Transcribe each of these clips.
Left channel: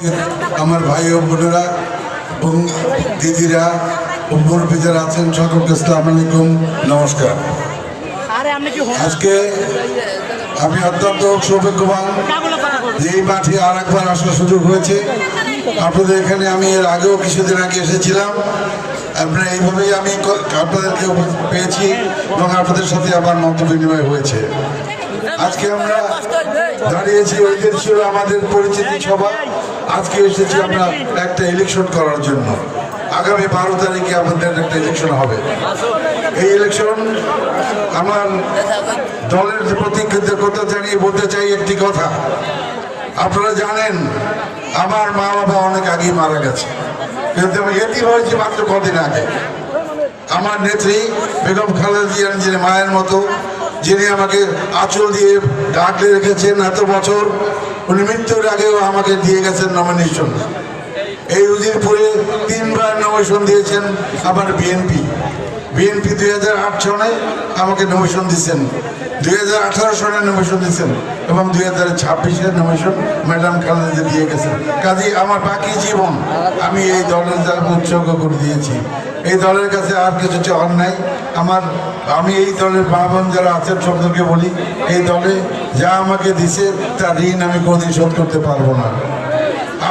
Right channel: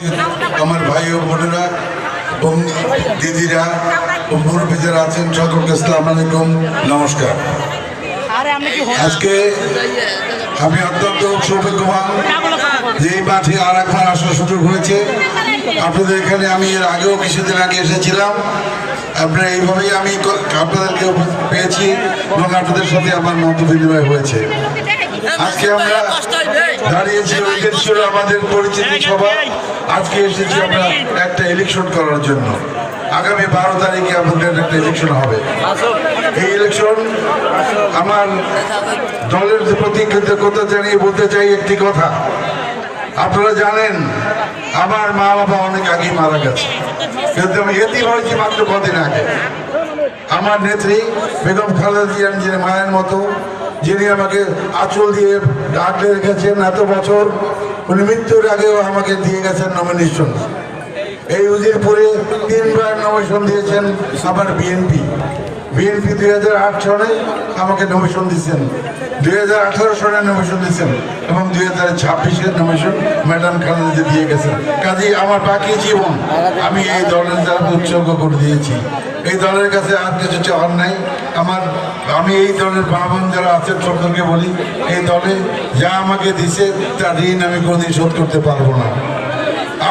আমার ভাই ও বোনেরা এবং দিদিরা ও মুরব্বীদের আছেন, সকলকে আসসালামু আলাইকুম, নমস্কার। আজকে আমি অত্যন্ত সৌভাগ্যবান যে এই মাঠে আর একবার আসার সুযোগ হয়েছে। আপনাদের এখানে আমি এর আগেও কিছুদিন আগে এসেছিলাম। আপনারা এইভাবেই আমি আপনাদেরকে পেয়েছি এবং আপনাদের সাথে আমার মত বিনিময় হয়েছে। আজকে আমরা দাঁড়িয়েছি ঐতিহ্য আমাদের পরিচিতি সভা। আজকে এসেছি আমরা একটা ইলেকশন করার জন্য। আগামী 12 তারিখে আমাদের একটা ইলেকশন হবে। এই ইলেকশন আমার দলের প্রতি কৃতজ্ঞতা জানিয়ে বলতে চাই একটি কথা। আপনারা জানেন আমার মা বাবা অনেক আগেই মারা গেছে, কিন্তু আমি এতিম হয়েছি মাত্র কদিন আগে। আমার নেত্রী বেগম খালেদা জিয়া নিজের মায়ের মতো, যিনি আমাকে আঁচল দিয়ে ডাকলে রেখেছেন এত বছর, উনি মৃত্যুর আগেও আমাকে দিয়ে গেছেন নমিনেশন। এই উজিরপুরে 3 বার নমিনেশন দিয়েছেন আমার বিএনপি 2008 সনে আমাকে নমিনেশন দিচ্ছেন, 2018 সনে নমিনেশন দিচ্ছেন এবং 2026-এর নমিনেশন ম্যাডাম খালেদা দিয়ে গেছেন। কাজেই আমার বাকি জীবন আমি এই দলের দ্বারা উৎসর্গ করে দিয়েছি। এই দলের কাছে আর কিছু চাওয়ার নাই আমার। আমি এই দলের মা বোন যারা আছেন সকলকে বলি, এই দলে যা আমাকে দিছে তার ঋণ আমি কোনোদিন শোধ করতে পারবো না।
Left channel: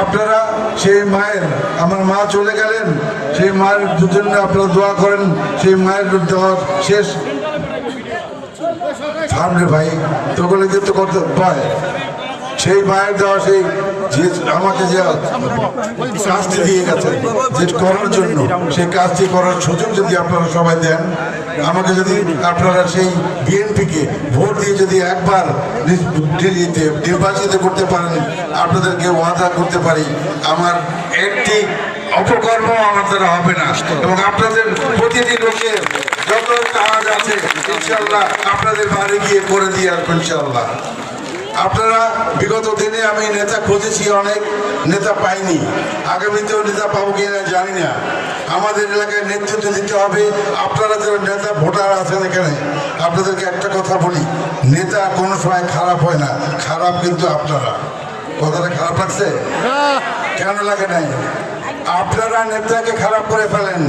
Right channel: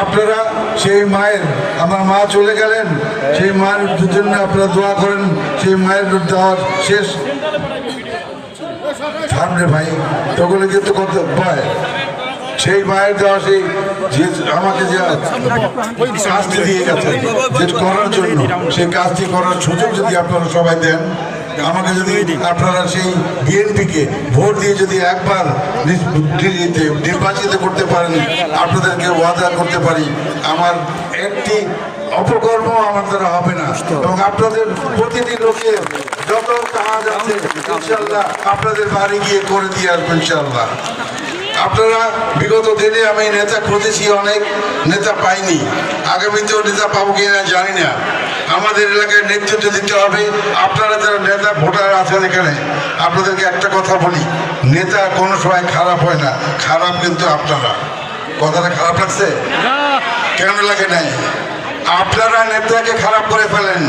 আপনারা সেই মায়ের, আমার মা চলে গেলেন, সেই মায়ের দুজনে আপনারা দোয়া করেন। সেই মায়ের দেওয়ার শেষ সামনে ভাই তোগুলো কিন্তু করতে পায়। সেই মায়ের দেওয়া সেই আমাকে যে কাজটি দিয়ে গেছে করার জন্য, সেই কাজটি করার সুযোগ যদি আপনারা সবাই দেন আমাকে, যদি আপনারা সেই বিএনপিকে ভোট দিয়ে যদি একবার নির্বাচিত করতে পারেন, আপনাদেরকে ওয়াদা করতে পারি আমার একটি অপকর্ম আমার দ্বারা হবে না এবং আপনাদের প্রতিটি লোকের যত কাজ আছে ইনশাআল্লাহ আপনাদের বাড়ি গিয়ে করে দিয়ে আসবো ইনশাআল্লাহ। আপনারা বিগত দিনে আমি নেতা খুঁজেছি, অনেক নেতা পাইনি, আগামীতেও নেতা পাবো কিনা জানি না। আমাদের এলাকায় নেতৃত্ব দিতে হবে। আপনারা যারা নেতা ভোটার আছেন এখানে, আপনাদেরকে একটা কথা বলি, নেতা কোনো সময় খারাপ হয় না, খারাপ কিন্তু আপনারা। কথাটা খারাপ লাগছে? কেন লাগে নাই? আপনারা নেতাকে খারাপ করে ফেলেন।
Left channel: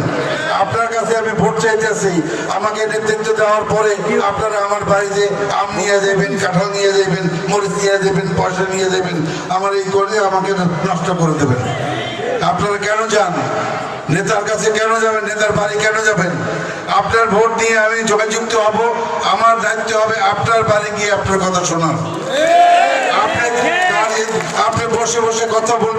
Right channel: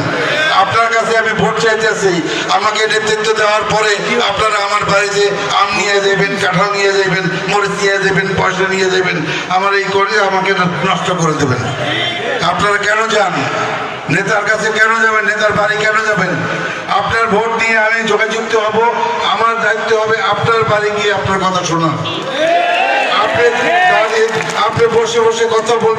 আপনার কাছে আমি ভোট চাইতেছি, আমাকে নেতৃত্ব দেওয়ার পরে আপনারা আমার বাড়িতে আম নিয়ে যাবেন, কাঁঠাল নিয়ে যাবেন, মরিচ নিয়ে যাবেন, পয়সা নিয়ে যাবেন, আমার এই করে আমাকে নষ্ট করে দেবেন। আপনারা কেন যান নেতার কাছে? কেন যাবেন নেতার বাড়ি? কেন যাবেন? আপনার ভোট নিয়ে আমি যোগাযুক্ত হব। আমার দায়িত্ব হবে আপনার বাড়ি গিয়ে আপনার কথা শোনা। আপনি বসে বসে কথা বলবেন।